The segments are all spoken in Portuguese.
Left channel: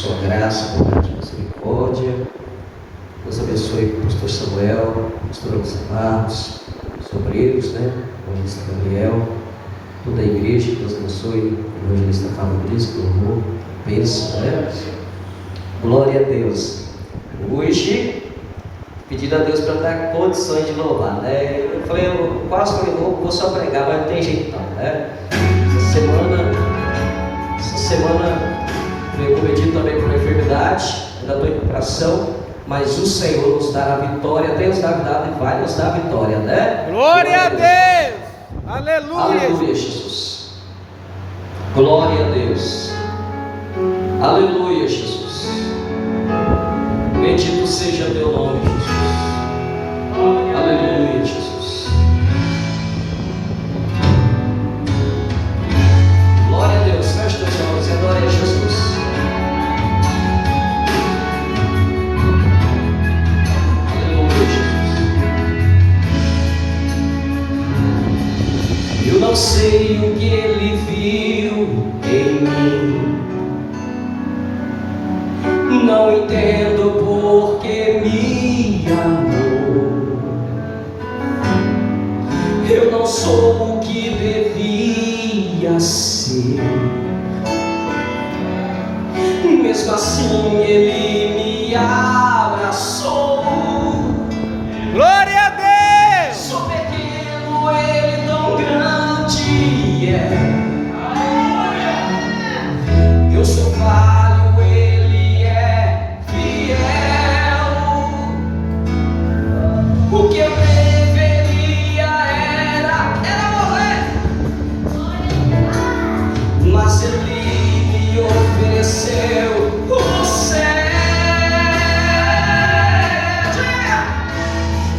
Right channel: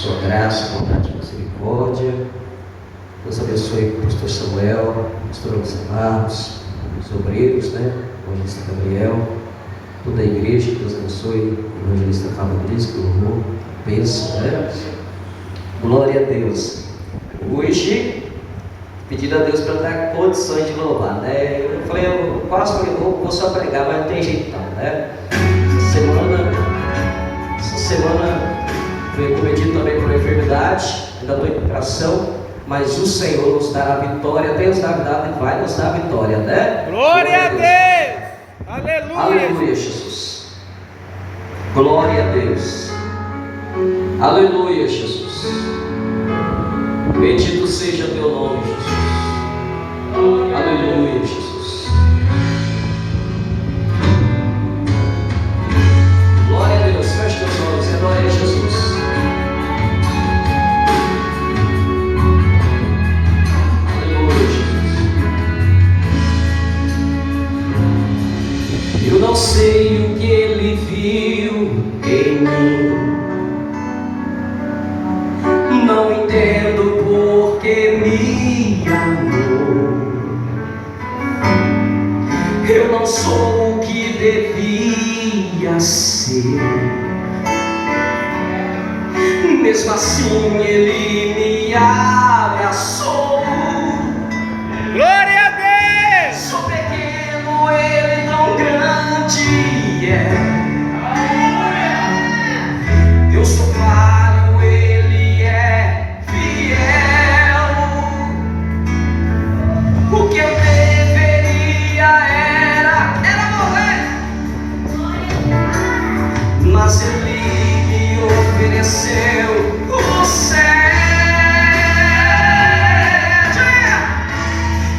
sua graça, bondade e misericórdia. Deus abençoe o pastor Samuel, pastor José Marcos, os obreiros, o evangelista Gabriel, toda a igreja. Deus abençoe o evangelista Fabrício, que louvor, bênção, Glória a Deus. Hoje, pedindo a Deus para dar condições de louvar, Eu falei, eu quase falei, vou só pregar, mas não tem jeito não, Essa semana eu cometi também por enfermidade, ainda estou em recuperação, mas o Senhor nos dará vitória, tem nos dado e vai nos dar vitória, Glória a Deus! Aleluia! Aleluia, Jesus. Glória a Deus. Aleluia, Jesus. Bendito seja teu nome, Jesus. Aleluia, Jesus. Glória a Deus. Feche teus olhos e adore a Jesus. Aleluia, Jesus. Eu não sei o que ele viu em mim. Não entendo porque me amou. Eu não sou o que devia ser. Mesmo assim ele me abraçou. Glória a Deus! Sou pequeno, ele tão grande Eu sou falho, ele é fiel. O que eu deveria era morrer, mas ele me ofereceu o céu.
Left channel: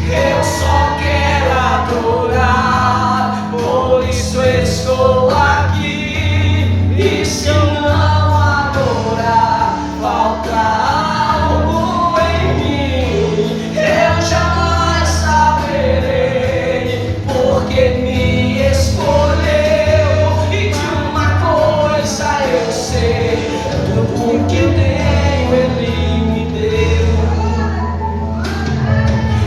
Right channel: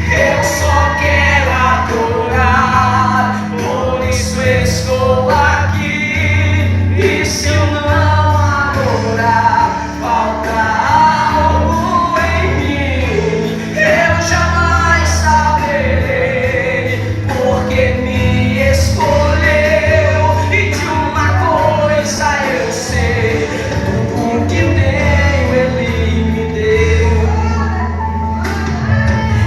Eu só quero adorar, por isso estou aqui. E se eu não adorar, falta algo em mim. Eu jamais saberei, porque me escolheu. E de uma coisa eu sei, tudo que tenho ele me deu.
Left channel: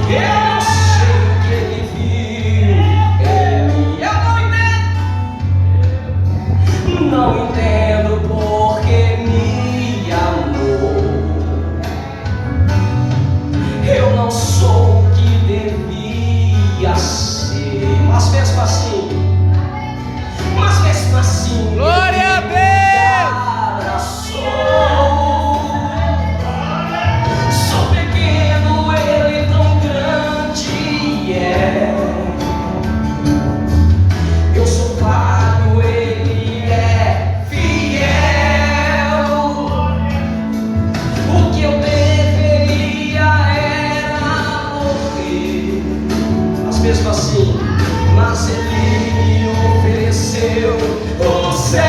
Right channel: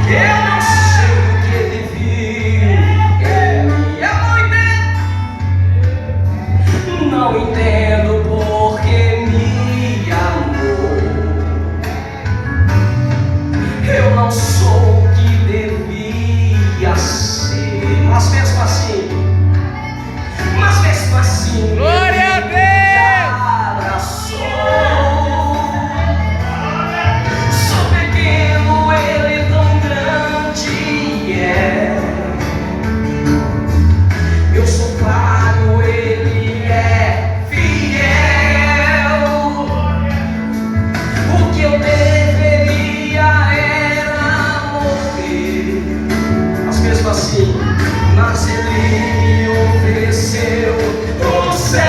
Eu não sei o que ele viu, não entendo porque me amou. Eu não sou o que devia ser, mas mesmo assim, Glória a ele Deus! me abraçou. Sou pequeno, ele tão grande Eu sou falho, ele é fiel. O que eu deveria era morrer, mas ele me ofereceu o céu.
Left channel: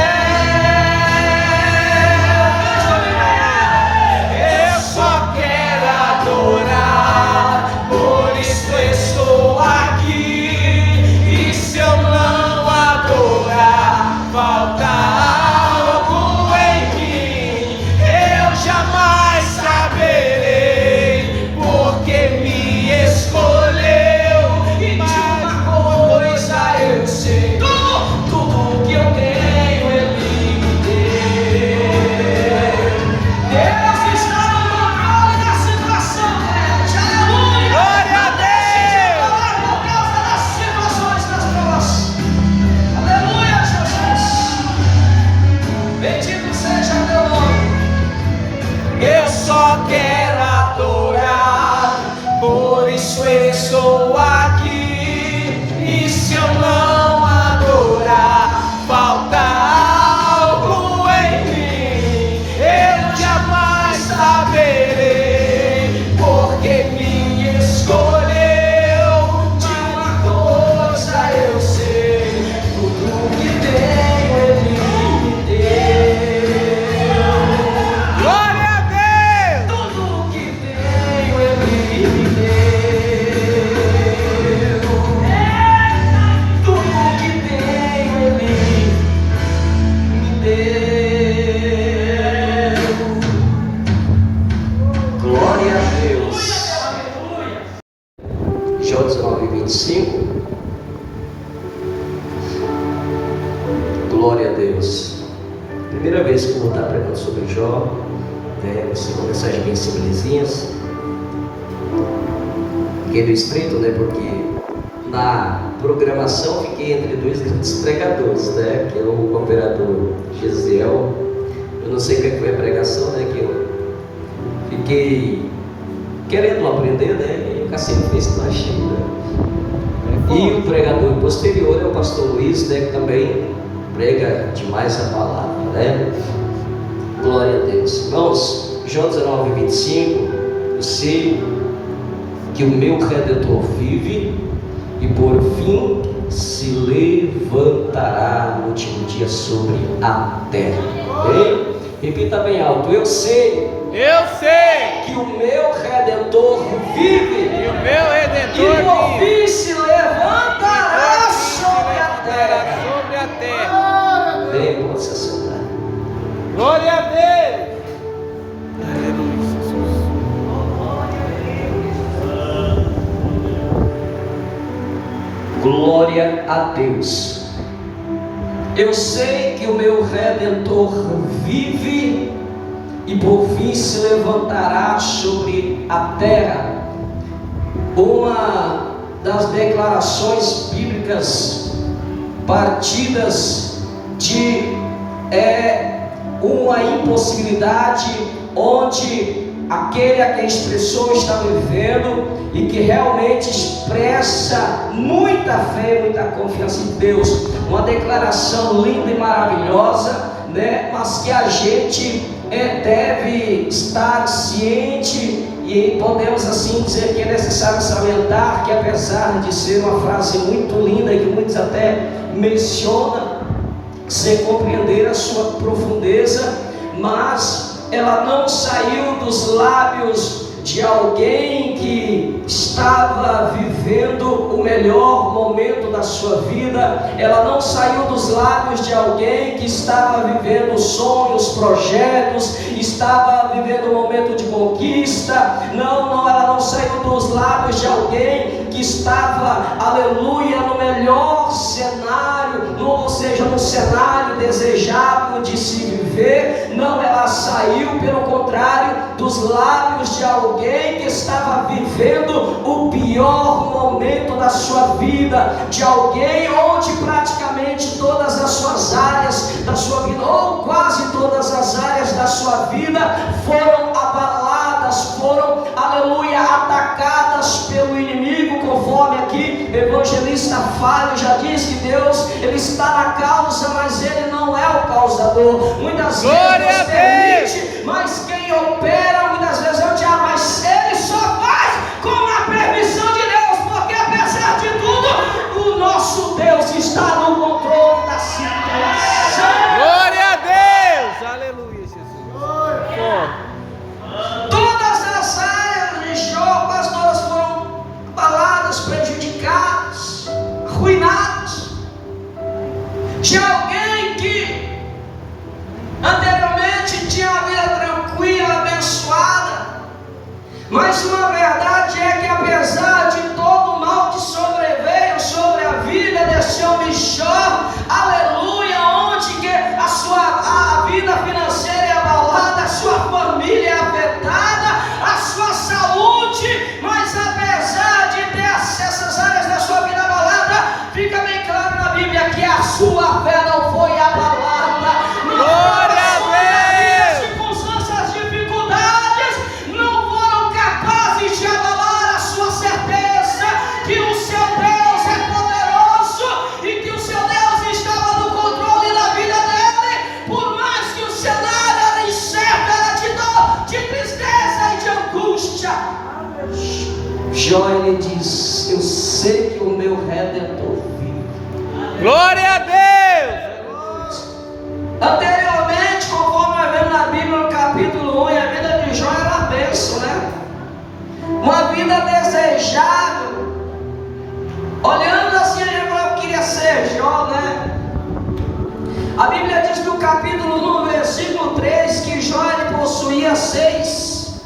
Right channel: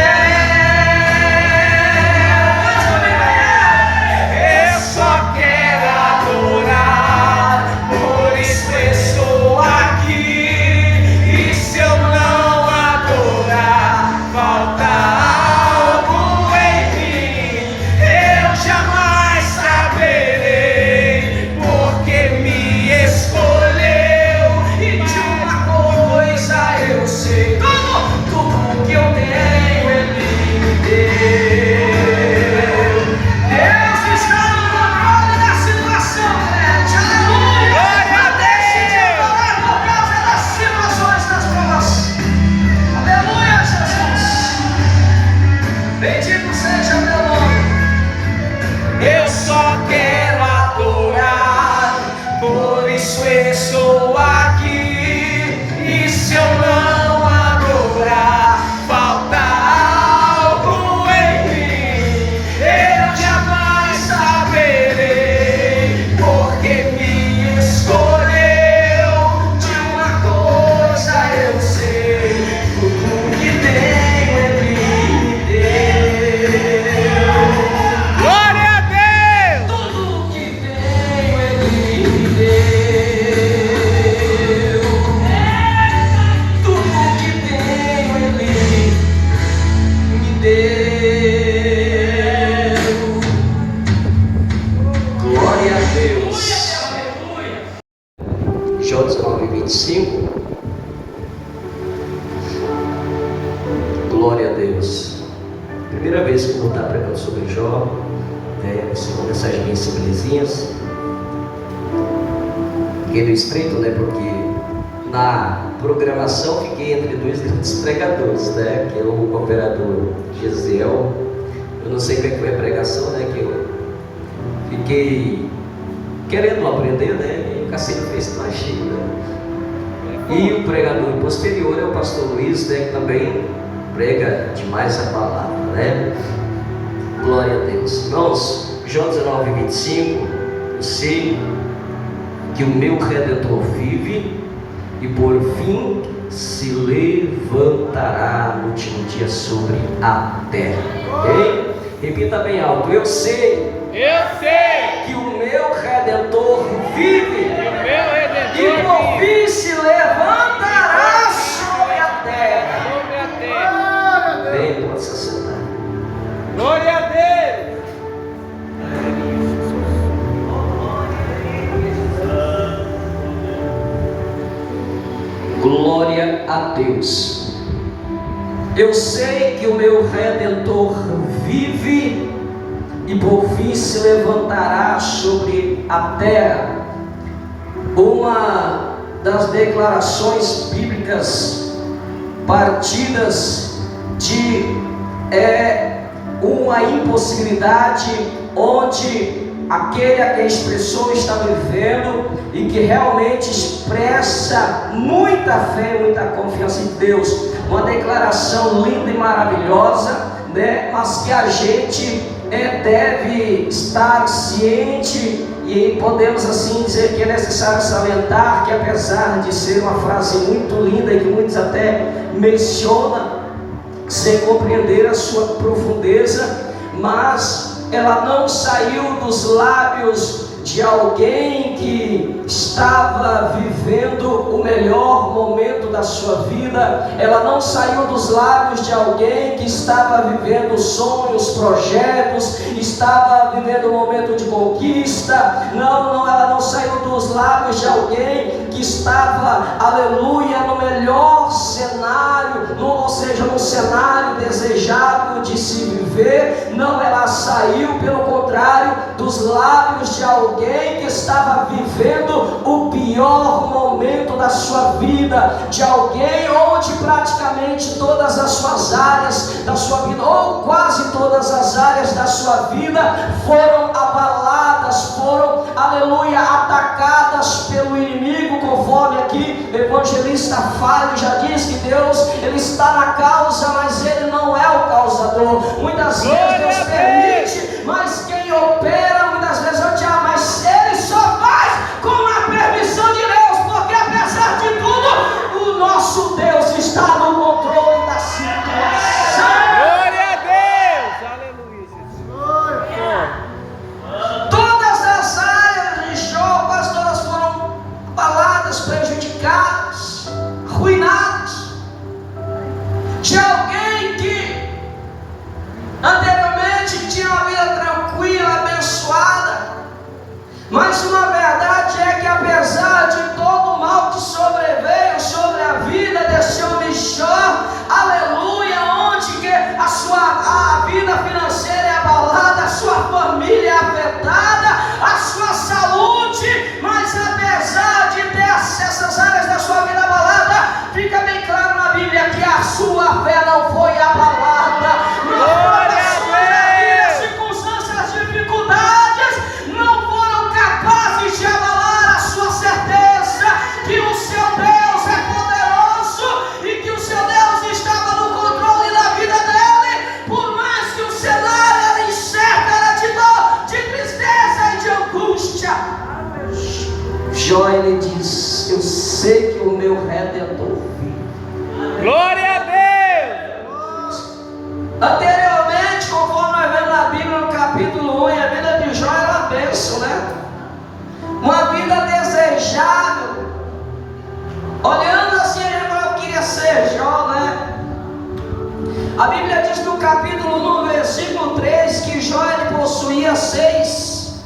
Eu só quero adorar, por isso estou aqui. E se eu não adorar, falta algo em mim. Eu jamais saberei, porque me escolheu. E de uma coisa eu sei, tudo que eu tenho ele me deu. Deus está no controle da situação, Aleluia! Glória a Deixe de Deus! falar por causa das situações, das provas. Aleluia, Jesus! Bendito seja teu nome. Eu só quero adorar, por isso estou aqui. E se eu não adorar, falta algo em mim. Eu jamais saberei, porque me escolheu. De uma coisa eu sei, tudo que tenho ele me deu. Glória a Deus! Tudo vou estar pregando sobre Jó. São mensagens bem simplesinhas. Fiquei no estreito, né? Porque na programação fiquei entre dois grandes pregadores, né? Que é o cooperador Gesiel. Eu não sei o que foi a pregação, né? Que eu fiquei querendo aprender, né? E o Cassino fez mais cheio, né? E o pregador posterior é o pastor Luiz, né? Que também prega demais a palavra, né? Glória a Deus. Irmãos, João 19:25, eu sei que o meu Redentor vive e por fim se levantará no último dia sobre a terra. Ok? Repita bem alto: eu sei sei que o meu Redentor vive que o meu e Redentor por vive fim se levantará sobre a terra. sobre a terra. Bem, pode se assentar. Glória a Deus. Glória a Deus. Eu sei que o meu Redentor vive e por fim se levantará sobre a terra. Uma das declarações bíblicas partidas de uma impossibilidade onde aquele a quem expressou está vivendo e que realmente expressa muita fé, muita confiança em Deus. Uma declaração linda e maravilhosa, né? Mas que a gente deve estar ciente e podemos assim dizer que é necessário salientar que, apesar de ser uma frase muito linda e que muitos até mencionam sem compreender a sua profundeza, mas ela não saiu dos lábios de alguém que estava vivendo o melhor momento da sua vida. Ela não saiu dos lábios de alguém que estava vivendo sonhos, projetos, estava vivendo um momento de conquista. Não, ela não saiu dos lábios de alguém que estava, aleluia, no melhor cenário, ou seja, no cenário desejável de se viver. Não, ela saiu, pelo contrário, dos lábios de alguém que estava vivendo o pior momento da sua vida, de alguém onde praticamente todas as suas áreas da sua vida, ou quase todas as áreas da sua vida, foram abaladas, foram, aleluia, atacadas pelo inimigo, conforme aqui o evangelista Fábio já diz que Deus, ele está na causa, mas ele não é o causador. Muitas vezes Deus permite, mas quem opera muitas vezes é o diabo, mas ele só faz com a permissão de Deus, porque apesar de tudo, o nosso Deus está no controle da situação. Glória a Deus. Aleluia, Jesus. Todas as áreas de Jó, quase todas foram abaladas, prejudicadas, arruinadas, de alguém que anteriormente tinha uma vida tranquila, abençoada. Mas uma verdade é que, apesar de todo o mal que sobreveio sobre a vida desse homem Jó, aleluia, onde que a vida financeira é abalada, a sua família é afetada, a sua saúde, mas apesar de ter essas áreas da sua vida abalada, fica bem claro na Bíblia que a sua fé não foi abalada. Glória a Deus. As circunstâncias, as dificuldades não foram capazes de abalar a sua certeza que o seu Deus é poderoso e que o seu Deus estava no controle da vida dele, por mais que o cenário era incerto, era de dor, de tristeza e de angústia. Jó, ele diz: eu sei que o meu Redentor vive. Glória a Deus. Anteriormente, conforme nós vemos na Bíblia no capítulo 1, a vida de Jó era uma bênção, né? Uma vida desejável. Olhando assim, eu queria ser Jó, né? A Bíblia diz no capítulo 1, versículo 3, que Jó ele possuía 6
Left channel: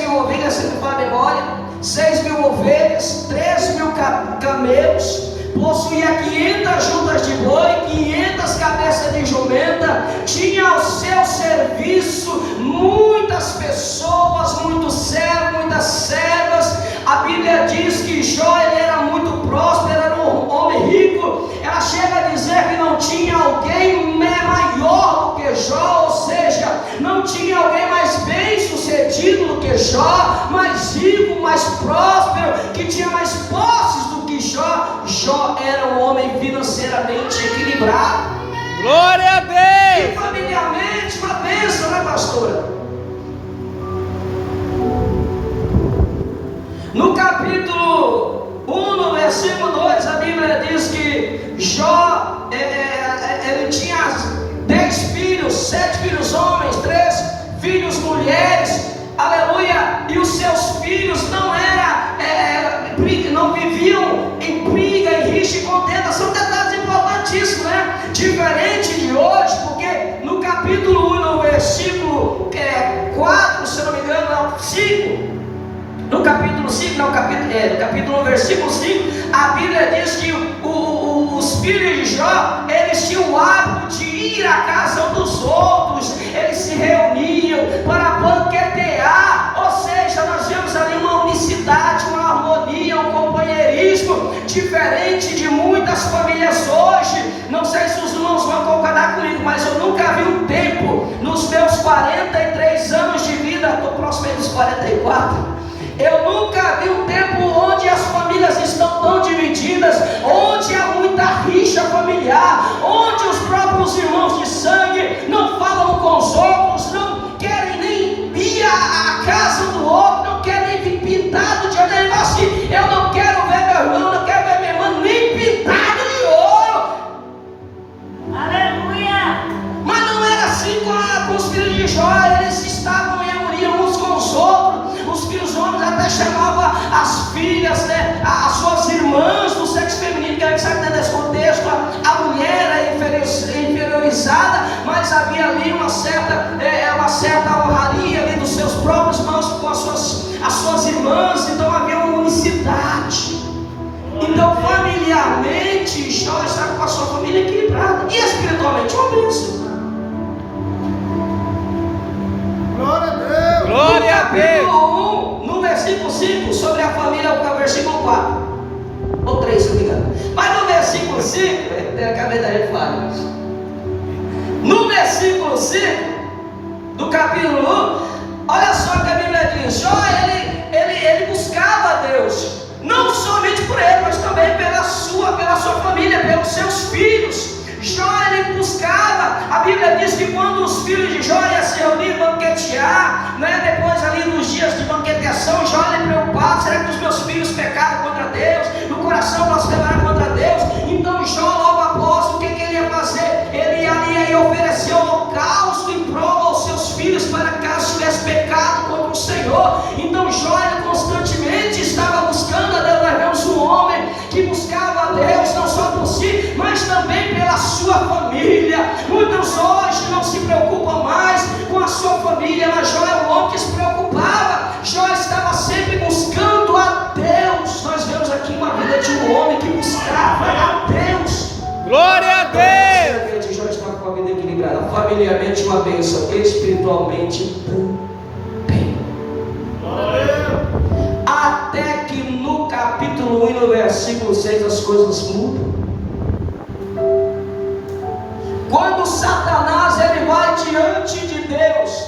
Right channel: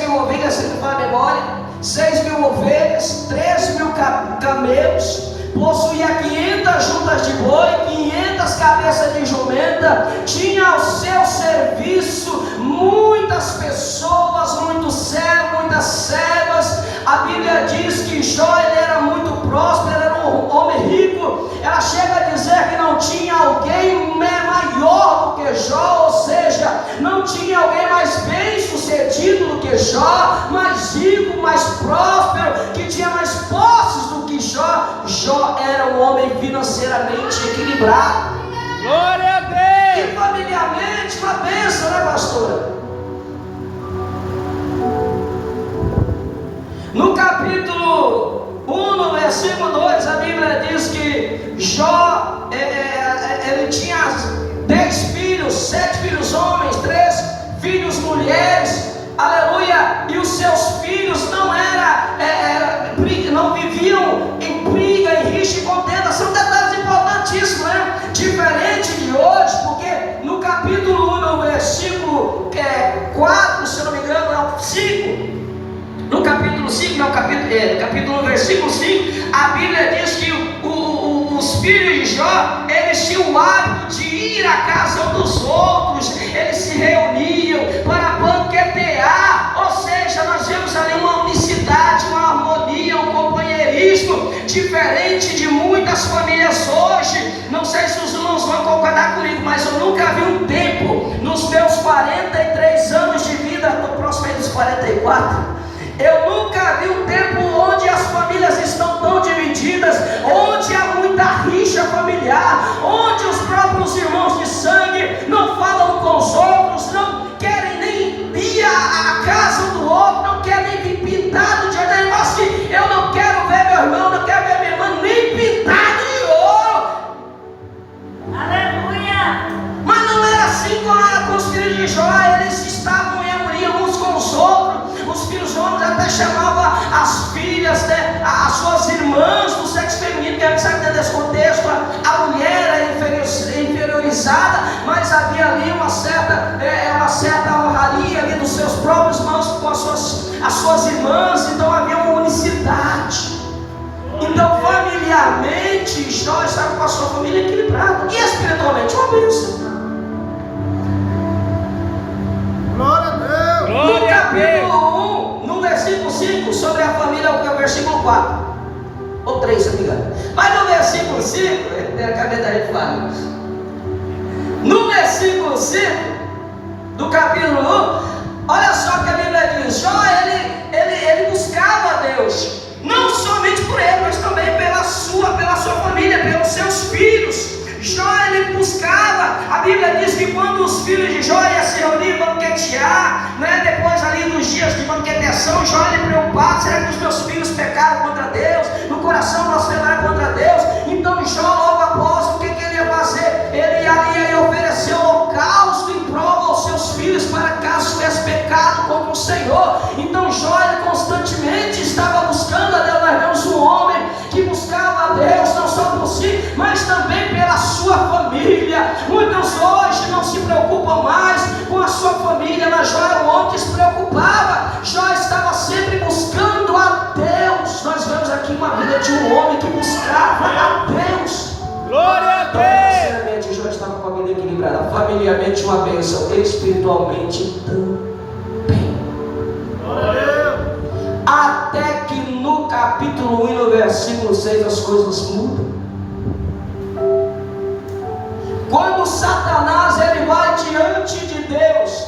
mil ovelhas, se não me memória, 6 mil ovelhas, 3 mil camelos, possuía 500 juntas de boi, 500 cabeças de jumenta, tinha ao seu serviço muitas pessoas, muitos servos, muitas servas. A Bíblia diz que Jó ele era muito próspero, era um homem rico. Ela chega a dizer que não tinha alguém maior do que Jó, ou seja, não tinha alguém mais bem sucedido do que Jó, mais rico, mais próspero, que tinha mais posses do que Jó. Jó era um homem financeiramente equilibrado. Glória a Deus! E familiarmente, uma bênção, né, pastora? No capítulo 1, no versículo 2, a Bíblia diz que Jó, ele tinha 10 filhos, 7 filhos homens, 3 filhos mulheres, aleluia, e os seus filhos não viviam em briga, em rixa e contenda. São detalhes importantíssimos, né? Diferente de hoje, porque no capítulo 1, no versículo 4, se não me engano, 5, no capítulo 5, capítulo 1, versículo 5, a Bíblia diz que os filhos de Jó, eles tinham o hábito de ir à casa dos outros, eles se reuniam para banquetear, ou seja, nós vemos ali uma unicidade, uma harmonia, um companheirismo, diferente de muitas famílias hoje. Não sei se os irmãos vão concordar comigo, mas eu nunca vi um tempo, nos meus 43 anos de vida, estou próximo aí dos 44, eu nunca vi um tempo onde as famílias estão tão divididas, onde há muita rixa familiar, onde os próprios irmãos de sangue não falam com os outros, não querem nem ir à casa do outro, não querem nem vir pintado de ouro. Assim, eu não quero ver meu irmão, não quero ver minha irmã nem pintado de ouro. Aleluia! Mas não era assim com os filhos de Jó. Eles estavam em harmonia uns com os outros. Os filhos homens até chamavam as filhas, né, as suas irmãs do sexo feminino, que a gente sabe dentro desse contexto, a mulher era inferiorizada, mas havia ali uma certa honraria ali dos seus próprios irmãos com as suas irmãs. Então havia uma unicidade. Então familiarmente Jó estava com a sua família equilibrada, e espiritualmente uma bênção. Glória a Deus! No capítulo 1, no versículo 5, sobre a família, é o versículo 4 ou 3, se não me engano. Mas no versículo 5, acabei da gente falar. No versículo 5 do capítulo 1, olha só que a Bíblia diz: Jó, ele buscava a Deus, não somente por ele, mas também pela sua família, pelos seus filhos. Jó, ele buscava. A Bíblia diz que quando os filhos de Jó iam se reunir, banquetear, né, depois ali dos dias de banqueteação, Jó ele preocupado: será que os meus filhos pecaram contra Deus? No coração blasfemaram contra Deus? Então Jó, logo após, o que ele ia fazer? Ele ia oferecer holocausto em prova aos seus filhos, para caso tivesse pecado contra o Senhor. Então Jó, ele constantemente estava buscando a Deus. Nós vemos um homem que buscava a Deus não só por si, mas também pela sua família. Muitos hoje não se preocupam mais com a sua família, mas Jó era um homem que se preocupava. Jó estava sempre buscando a Deus. Nós vemos aqui uma vida de um homem que buscava a Deus. Glória a Deus! Então, Jó estava com uma vida equilibrada, familiarmente uma bênção, espiritualmente também. Até que no capítulo 1 e no versículo 6 as coisas mudam. Quando Satanás ele vai diante de Deus,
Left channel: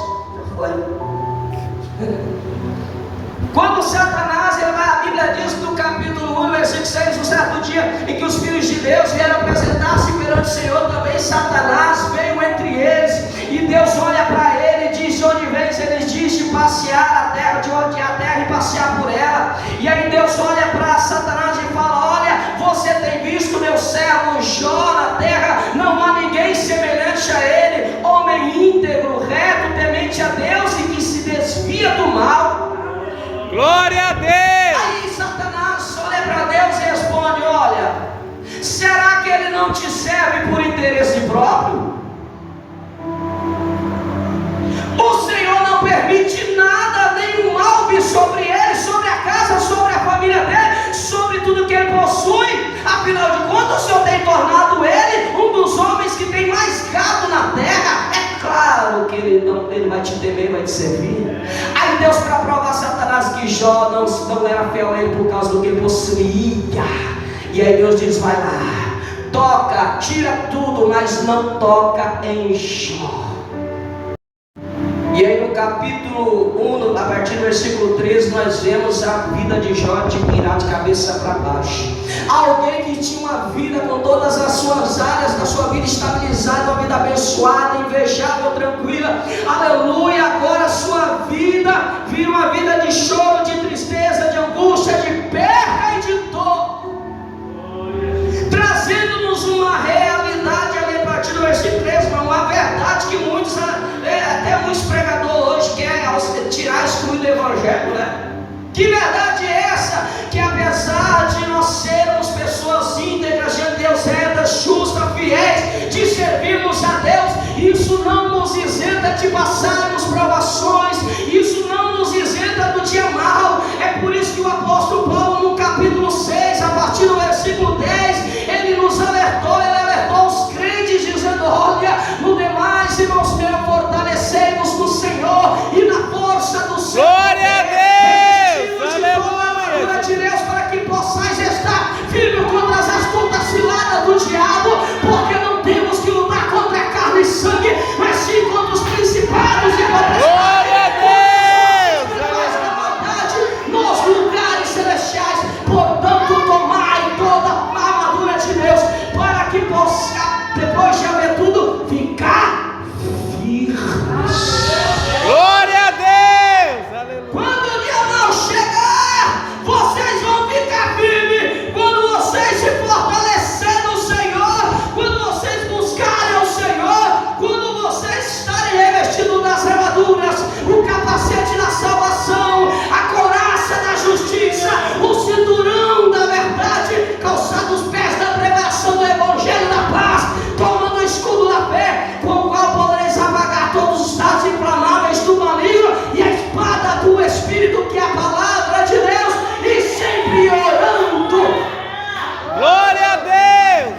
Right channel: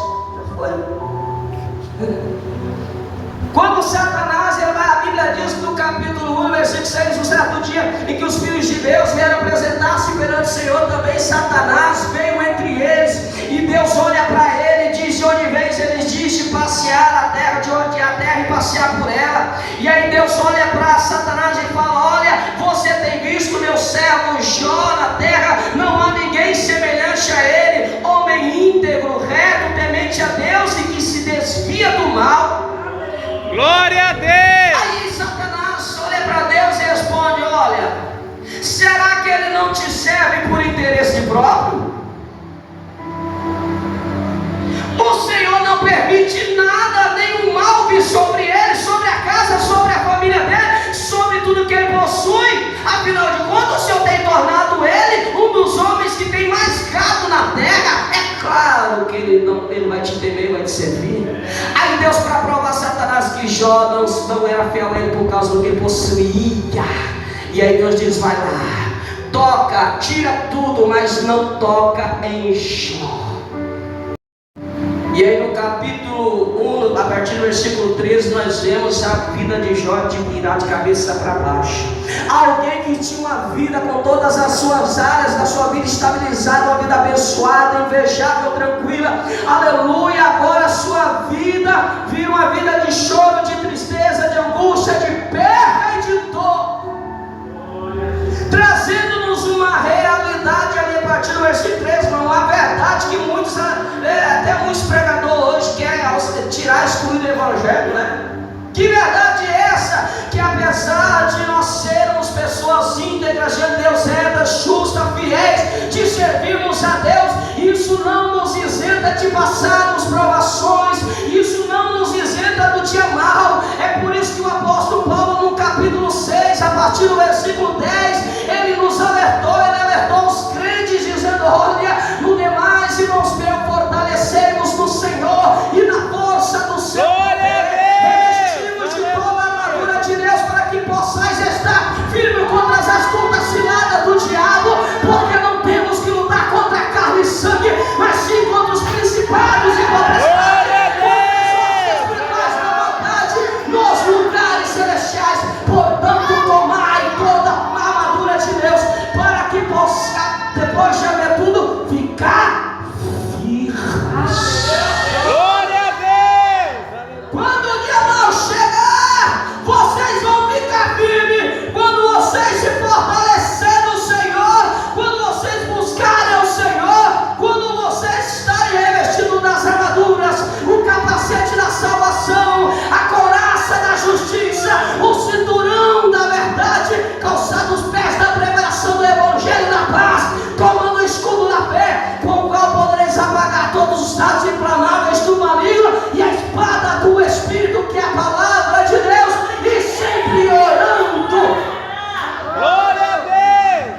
quando Satanás ele vai, a Bíblia diz no capítulo 1, versículo 6, um certo dia em que os filhos de Deus vieram apresentar-se perante o Senhor, também Satanás veio entre eles, e Deus olha para ele e diz: de onde vens? Ele diz: de passear a terra, de onde é a terra, e passear por ela. E aí Deus olha para Satanás e fala: olha, você tem visto meu servo Jó na terra? Não há ninguém semelhante a ele, homem íntegro, reto, temente a Deus e que se desvia do mal. Glória a Deus! Aí Satanás olha para Deus e responde: olha, será que ele não te serve por interesse próprio? O Senhor não permite nada, nenhum mal vir sobre ele, sobre a casa, sobre a família dele, sobre tudo que ele possui. Afinal de tem tornado ele um dos homens que tem mais gado na terra. É claro que ele vai te temer, vai te servir. Aí Deus, para provar Satanás que Jó não era fiel a ele por causa do que possuía, e aí Deus diz: vai lá, toca, tira tudo, mas não toca em Jó. E aí no capítulo 1, a partir do versículo 13, nós vemos a vida de Jó de virar de cabeça para baixo. Alguém que tinha uma vida com todas as suas áreas da sua vida estabilizada, uma vida abençoada, invejável, tranquila, aleluia. Agora a sua vida vira uma vida de choro, de tristeza, de angústia, de perda e de dor, trazendo-nos uma realidade ali a partir do versículo 13, uma verdade que muitos, até muitos pregadores hoje querem tirar, excluir do evangelho, né? Que verdade é essa? Que apesar de nós sermos pessoas íntegras diante de Deus, retas, justas, fiéis, de servirmos a Deus, isso não nos isenta de passarmos provações, isso não nos isenta do dia mal. É por isso que o apóstolo Paulo, no capítulo 6, a partir do versículo 10, ele nos alertou, ele alertou os crentes, dizendo: olha, no demais, irmãos meus, fortalecei-vos no Senhor e na força do Senhor. Glória a Deus! De Deus, para que possais estar firme contra as astutas ciladas do diabo, porque não temos que lutar contra a carne e sangue, mas sim contra os principados e potestades nos lugares celestiais. Portanto, tomai toda a armadura de Deus, para que possa, depois de haver tudo, ficar firmes. Glória a Deus! Quando o dia mal chegar, vocês vão ficar firmes. Quando vocês se fortalecerem no Senhor, quando vocês buscarem ao Senhor, quando vocês estarem revestidos das armaduras, o capacete da salvação, a couraça da justiça, o cinturão da verdade, calçados os pés da pregação do evangelho da paz, tomando o escudo da fé, com o qual podereis apagar todos os dados inflamáveis do maligno, e a espada do Espírito, que é a palavra de Deus, e sempre orando. Glória a Deus!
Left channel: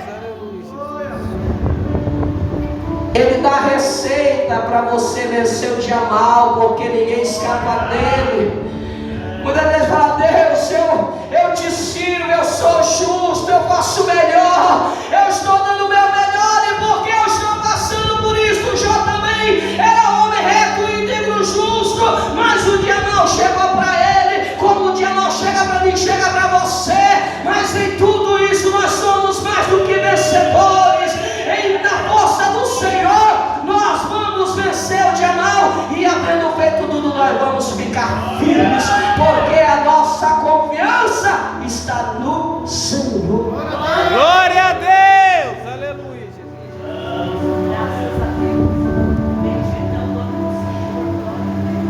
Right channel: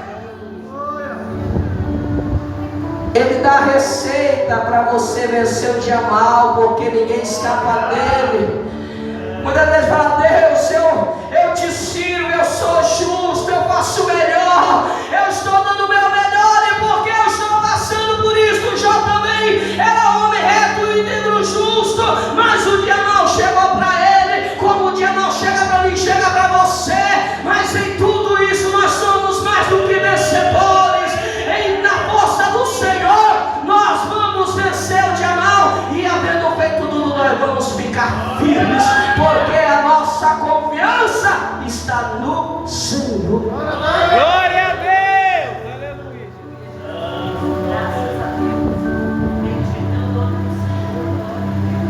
Ele dá receita para você vencer o dia mal, porque ninguém escapa dele. Muitas vezes fala: Deus, eu te sirvo, eu sou justo, eu faço o melhor, eu estou dando o meu melhor, e porque eu estou passando por isso. Jó também era homem reto, íntegro, justo, mas o dia mal chegou para ele, como o dia mal chega para mim, chega para você. Mas em tudo isso nós somos mais do que vencedores. Na força do Senhor nós vamos vencer o dia mal, e havendo feito tudo, nós vamos ficar firmes, porque a nossa confiança está no Senhor. Glória a Deus! Aleluia!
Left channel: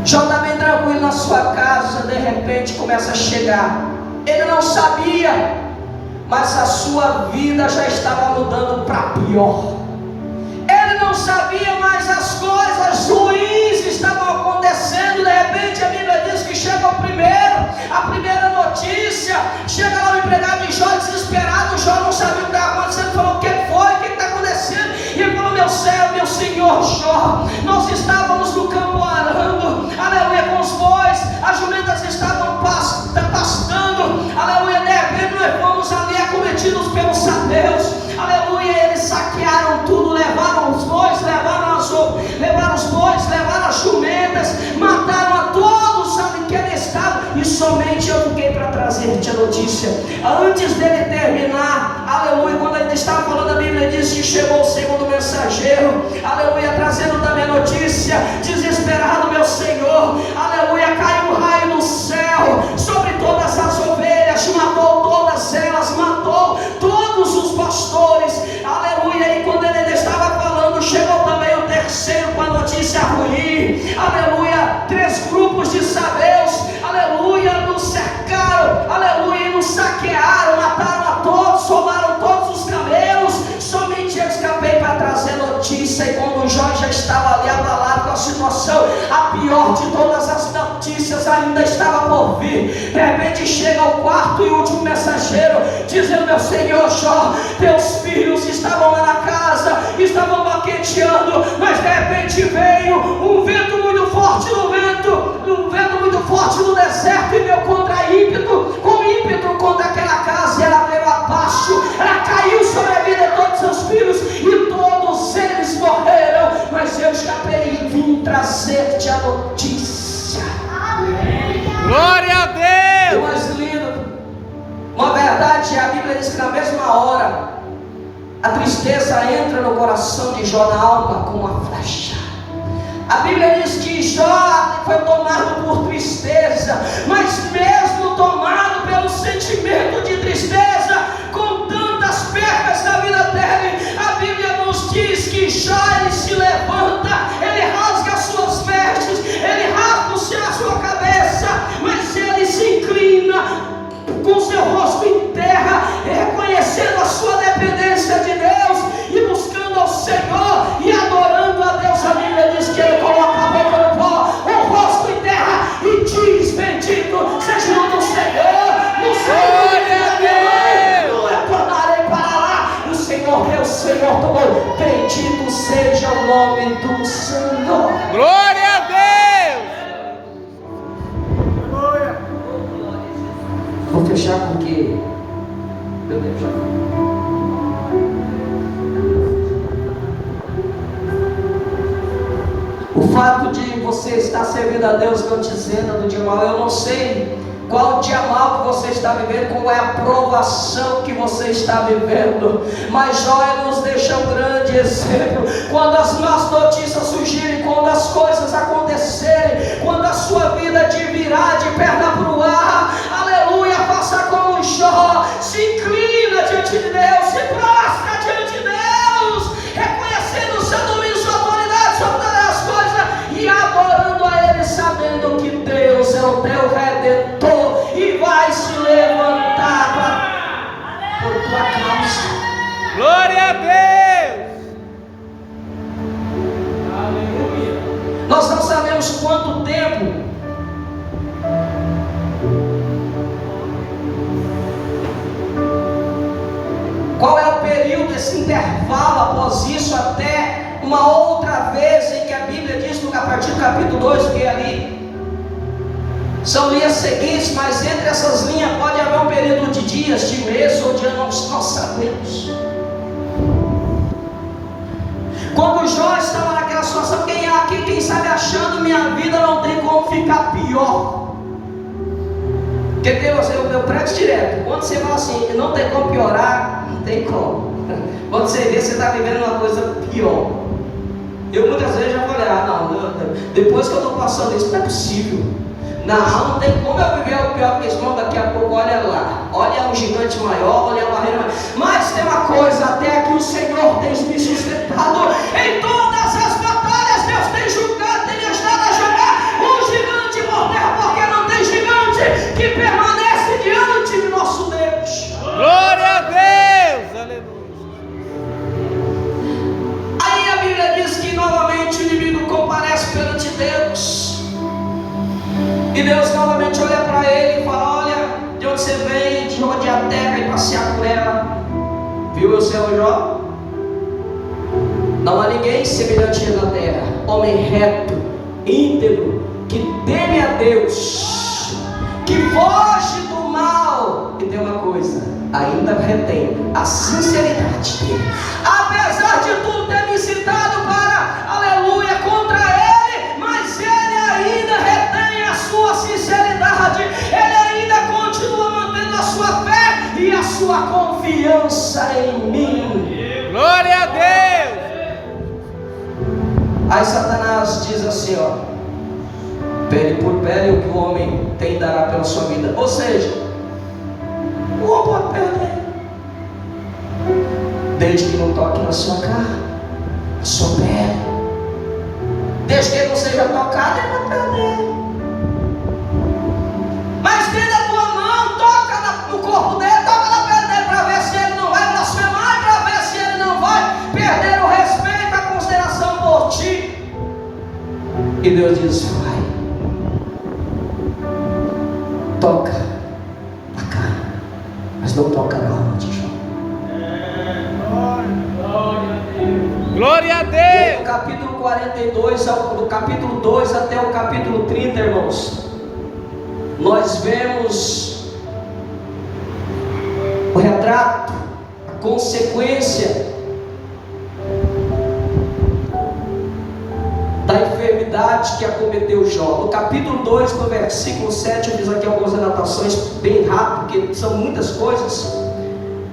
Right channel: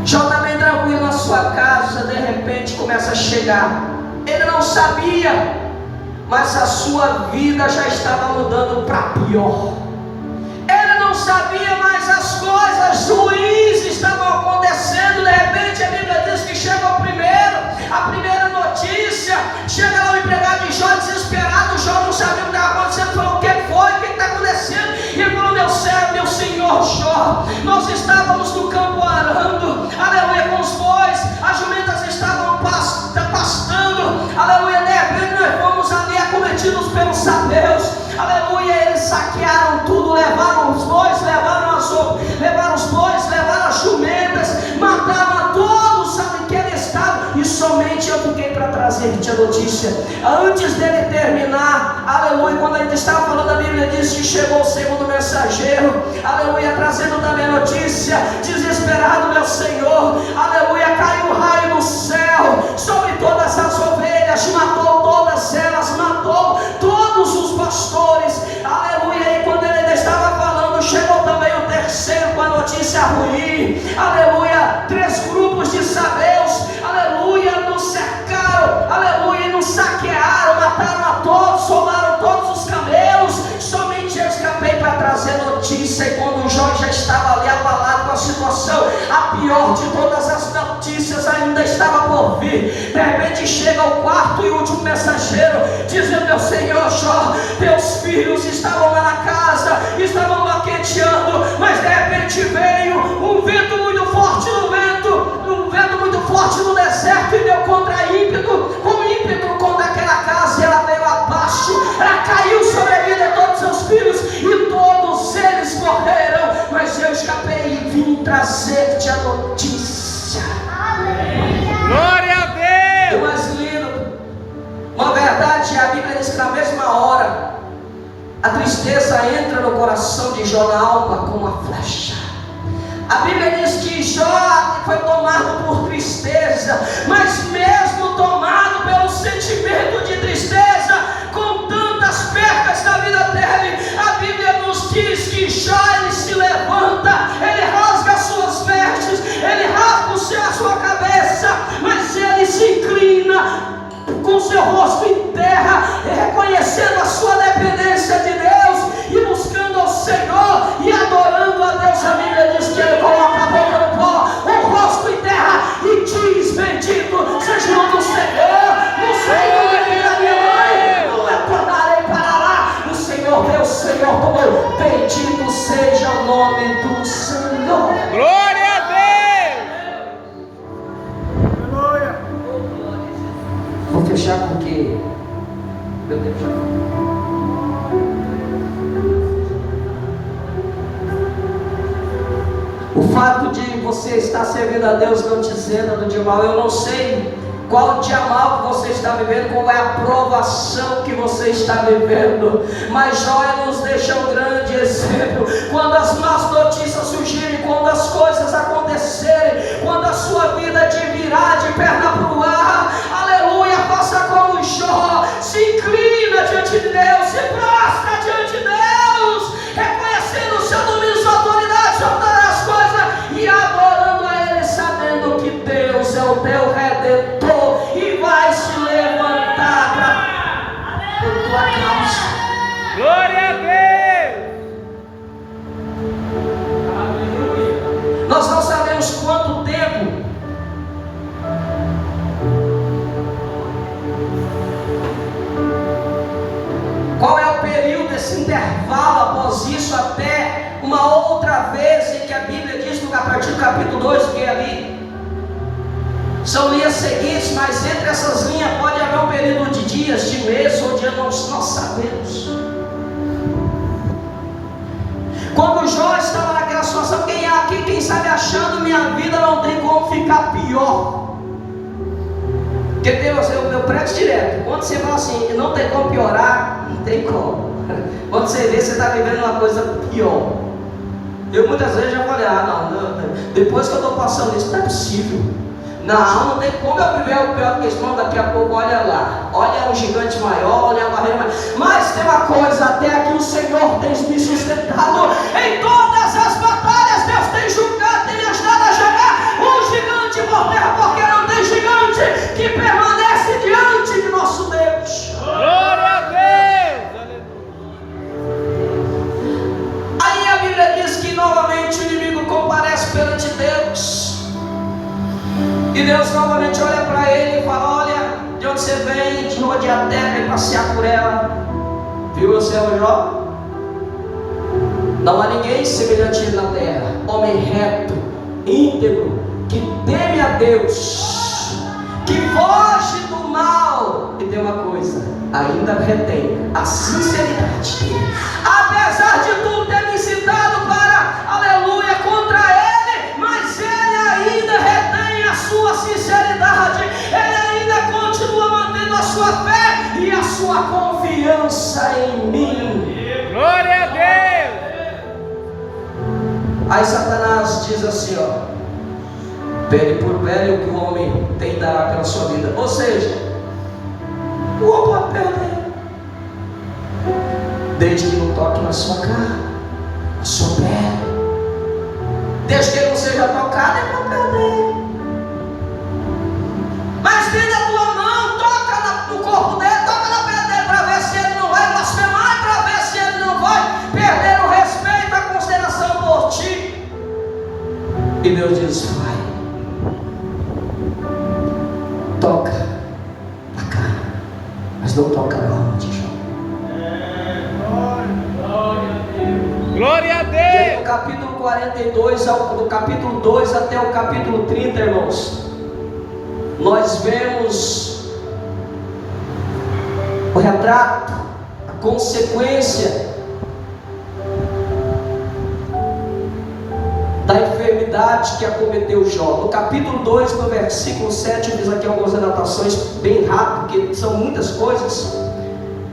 Jó está bem tranquilo na sua casa, de repente começa a chegar. Ele não sabia, mas a sua vida já estava mudando para pior. Ele não sabia, mas as coisas ruins estavam acontecendo. De repente a Bíblia diz que chega a primeira notícia. Chega lá o empregado de Jó desesperado. Jó não sabia o que estava acontecendo. Falou: o que foi? O que está acontecendo? E ele falou: meu senhor Jó, nós estávamos no campo arando, aleluia, com os bois, as jumentas estavam pastando, aleluia. De repente nós fomos ali acometidos pelos sabeus, aleluia. Eles saquearam tudo, levaram os bois, levaram os bois, levaram as jumentas, mataram a todos ali que ele estava, e somente eu fiquei para trazer-te a notícia. Antes dele terminar, aleluia, quando ele estava falando, a Bíblia diz que chegou o segundo mensageiro, aleluia, trazendo também a notícia. Desesperado, meu Senhor, aleluia, caiu um raio do céu sobre todas as ovelhas, matou todas elas, matou todos os pastores, aleluia. E quando ele ainda estava falando, chegou também o terceiro com a notícia ruim, aleluia. 3 grupos de sabeus, aleluia, nos cercaram, aleluia, e nos saquearam, mataram a todos, soldaram todos os camelos. Somente eu escapei para trazer notícia. E quando Jó já estava ali abalado com a situação, A pior de todas as notícias ainda estava por vir. De repente chega o quarto e último mensageiro, dizendo: meu Senhor Jó, teus filhos estavam lá na casa, estavam banqueteando, mas de repente veio um vento muito forte no deserto, e deu contra ímpeto, com ímpeto contra aquela casa, e ela veio abaixo, ela caiu sobre a vida de todos os seus filhos, e todos eles morreram. Mas eu escapei e vim trazer-te a notícia. Glória a E o Deus. mais lindo, uma verdade, a Bíblia diz que na mesma hora a tristeza entra no coração de Jó, na alma, como uma flecha. A Bíblia diz que Jó foi tomado por tristeza, mas mesmo tomado pelo sentimento de tristeza, com tantas perdas na vida dele, a Bíblia nos diz que Jó, ele se levanta, ele rasga as suas vestes, ele rasga a sua cabeça, mas ele se inclina com seu rosto em terra, reconhecendo a sua dependência de Deus e buscando ao Senhor e adorando a Deus. A Bíblia diz que ele coloca a boca no pó, o rosto em terra, e diz: bendito seja o nome do Senhor, no Senhor que da minha mãe, não retornarei para lá. O Senhor Deus, Senhor tomou, bendito seja o nome do Senhor. Glória a Deus. Vou fechar porque meu Deus já. O fato de você estar servindo a Deus não te isenta do dia mal. Eu não sei qual o dia mal que você está vivendo, qual é a provação que você está vivendo, mas Jó nos deixa um grande exemplo. Quando as más notícias surgirem, quando as coisas acontecerem, quando a sua vida te virar de perna para o ar, aleluia, faça como Jó, se inclina diante de Deus, se prostra diante de Deus, reconhecendo o seu domínio, sua autoridade sobre todas as coisas, e adorando a Ele, sabendo que Deus é o teu Redentor e vai se levantar por tua causa. Glória a Deus. Nós não sabemos quanto tempo qual é o período, esse intervalo após isso, até uma outra vez em que a Bíblia diz, a partir do capítulo 2, que ali são linhas seguintes, mas entre essas linhas pode haver um período de dias, de meses ou de anos, nós sabemos. Quando Jó estava naquela situação, quem sabe achando minha vida não tem como ficar pior. Porque Deus, eu prego direto, quando você fala assim, não tem como piorar, não tem como. Quando você vê, você está vivendo uma coisa pior. Eu muitas vezes já falei, não, depois que eu estou passando isso, não é possível. Não tem como eu viver o pior que esse irmão. Daqui a pouco, olha lá, olha o gigante maior, olha a barreira maior. Mas tem uma coisa, até aqui o Senhor tem me sustentado. Em todas as batalhas, Deus tem julgado, tem ajudado a jogar um gigante por terra, porque não tem gigante que permanece diante de nosso Deus. Glória a Deus. Aleluia. Aí a Bíblia diz que novamente o inimigo comparece perante Deus. E Deus novamente olha para ele e fala: olha, de onde você vem, de onde é a terra, e passear por ela. Viu o seu Jó? Não há ninguém semelhante a ele na terra, homem reto, íntegro, que teme a Deus, que foge do mal. E tem uma coisa, ainda retém a sinceridade dele, apesar de tudo ter me citado para, aleluia, contra ele, mas ele ainda retém a sua sinceridade, ele ainda continua mantendo a sua fé e a sua confiança em mim. Glória a Deus. Aí Satanás diz assim, pele por pele, o que o homem tem dará pela sua vida. Ou seja, o homem pode perder, desde que não toque na sua carne, na sua pele. Desde que ele não seja tocado, ele pode perder. Mas tendo a tua mão, toca no corpo dele, toca na pele dele, para ver se ele não vai blasfemar, para ver se ele não vai perder o respeito, a consideração por ti. E Deus diz: vai, toca na carne, mas não toca na alma de Jó. Glória a Deus. Do capítulo 42, do capítulo 2 até o capítulo 30, irmãos, nós vemos o retrato, a consequência da enfermidade que acometeu Jó. No capítulo 2, no versículo 7, eu fiz aqui algumas anotações bem rápido, porque são muitas coisas.